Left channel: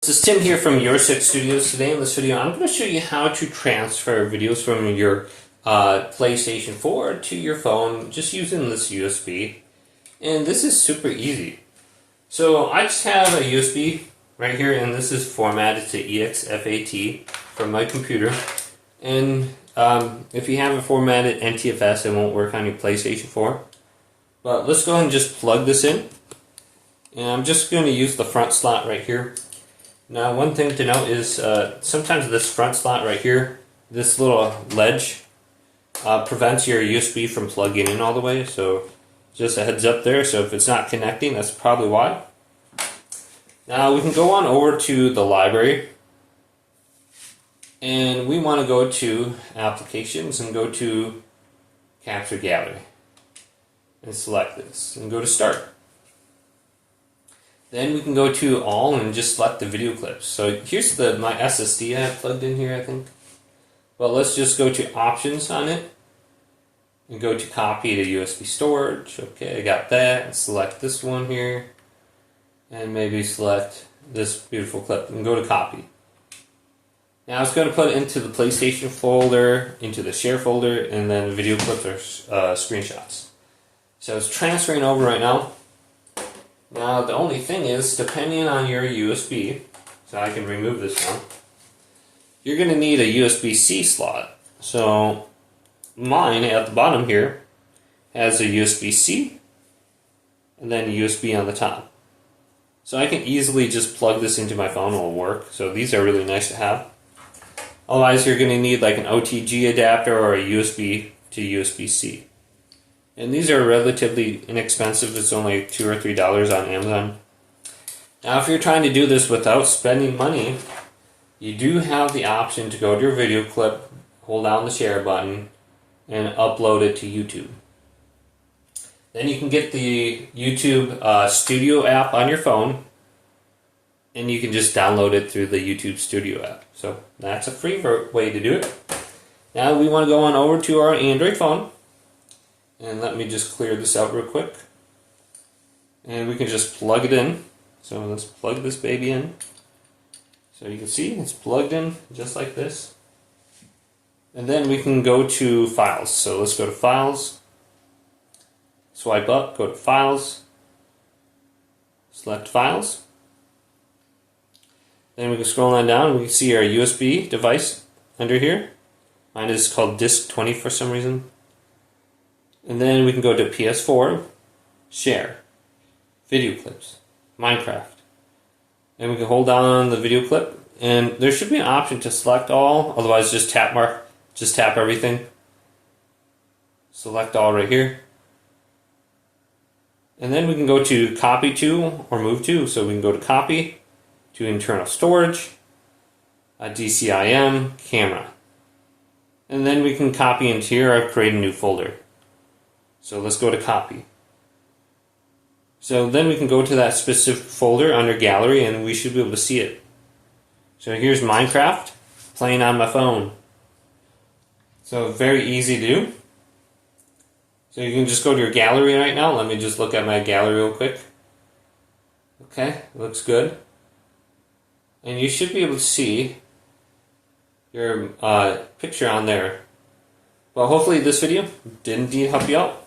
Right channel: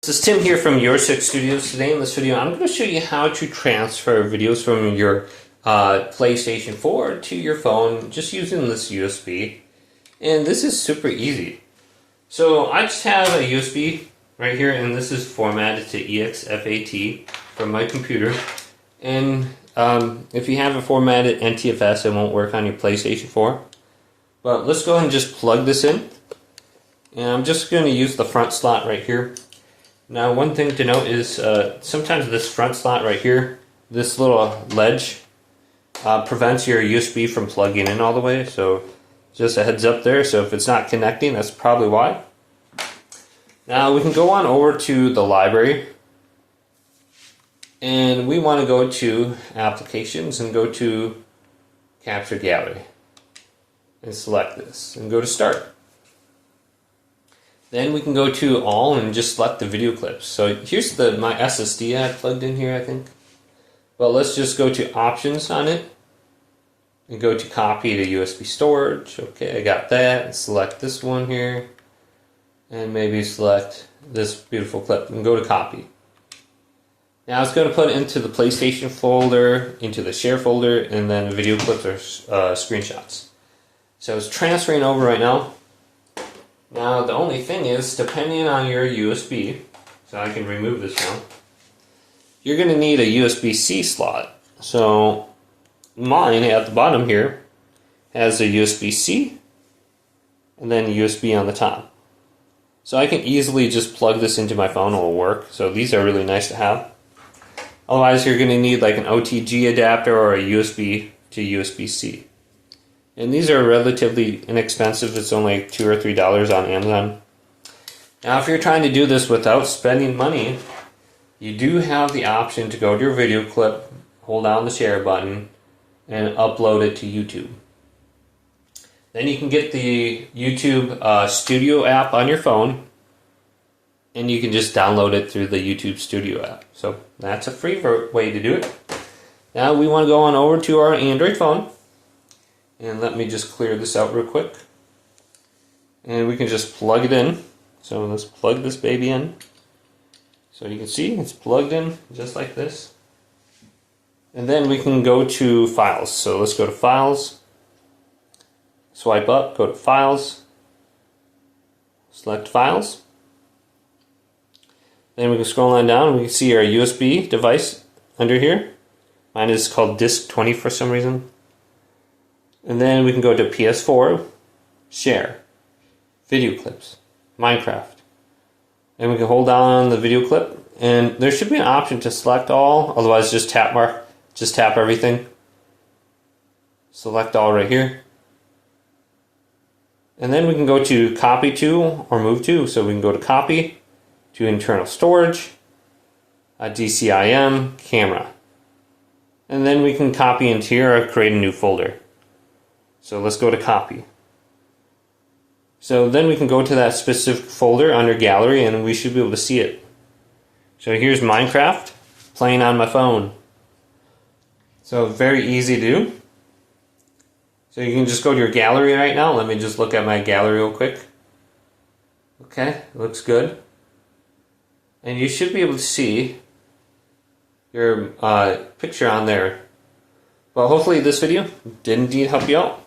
This is Tim here from Your Six Studios. Today in this video I'm going to show you how to transfer videos from your PlayStation 4 to your phone just using this USB. And this is super easy. So I just have a USB right here, and this is formatted to exFAT from my computer. And if you have it formatted NTFS, it won't work on your PlayStation 4. But let's go ahead and just plug this in. And I'm just going to use the front slot right here. Now, one thing to note is sometimes this front slot right here, this little ledge, prevents your USB from plugging in all the way. So just a heads up there. So if it's not connecting, that's probably why. Now we can go on over to the library. And we want to go to Applications and go to Capture Gallery. And select this and go to Start. Then we can go to All and just select the video clips. So here's my SSD I have plugged in here, I think. Well, let's just go to Options on it. And go to Copy to USB Storage. Okay, I got that. And select this one here. And maybe select this beautiful clip and go to Copy. Now it's going to put it into the PlayStation folder, into the Share folder, and then video clips or screenshots. So it's transferring over right now. Now the only thing is, depending on your USB, so I can remove this one, you're going to need a USB-C slot. So mine at the bottom here has a USB-C and then USB on the top. So I can easily just plug this into my phone, it will work. So these are really nice to have. Otherwise you're going to need like an OTG adapter or a USB to USB-C. And these are relatively inexpensive. It's only $2 or $3 on Amazon. Now, if you're trying to do this without spending money, you do have the option to go to your video clip, hold down the share button, and upload it to YouTube. Then you can get the YouTube Studio app on your phone, and you can just download it through the YouTube Studio app. So that's a free way to do it. Now we want to go on over to our Android phone. And let me just clear this out real quick. And we can just plug it in. So let's plug this baby in. So you can see it's plugged in just like this. And then we can go to Files. So let's go to Files. Swipe up, go to Files. Select Files. Then we can scroll on down. We can see our USB device under here. Mine is called Disk 20 for some reason. And then we can go to PS4, Share, Video Clips, Minecraft. And we can hold down the video clip. And there should be an option to select all, otherwise just tap everything. Select all right here. And then we can go to Copy to or Move to. So we can go to Copy, to Internal Storage, DCIM, Camera. And then we can copy into here or create a new folder. So let's go to Copy. So then we can go to that specific folder under Gallery and we should be able to see it. So here's Minecraft playing on my phone. So very easy to do. So you can just go to your gallery right now. Let me just look at my gallery real quick. Okay, looks good. And you should be able to see your picture on there. Well, hopefully this video did indeed help you out.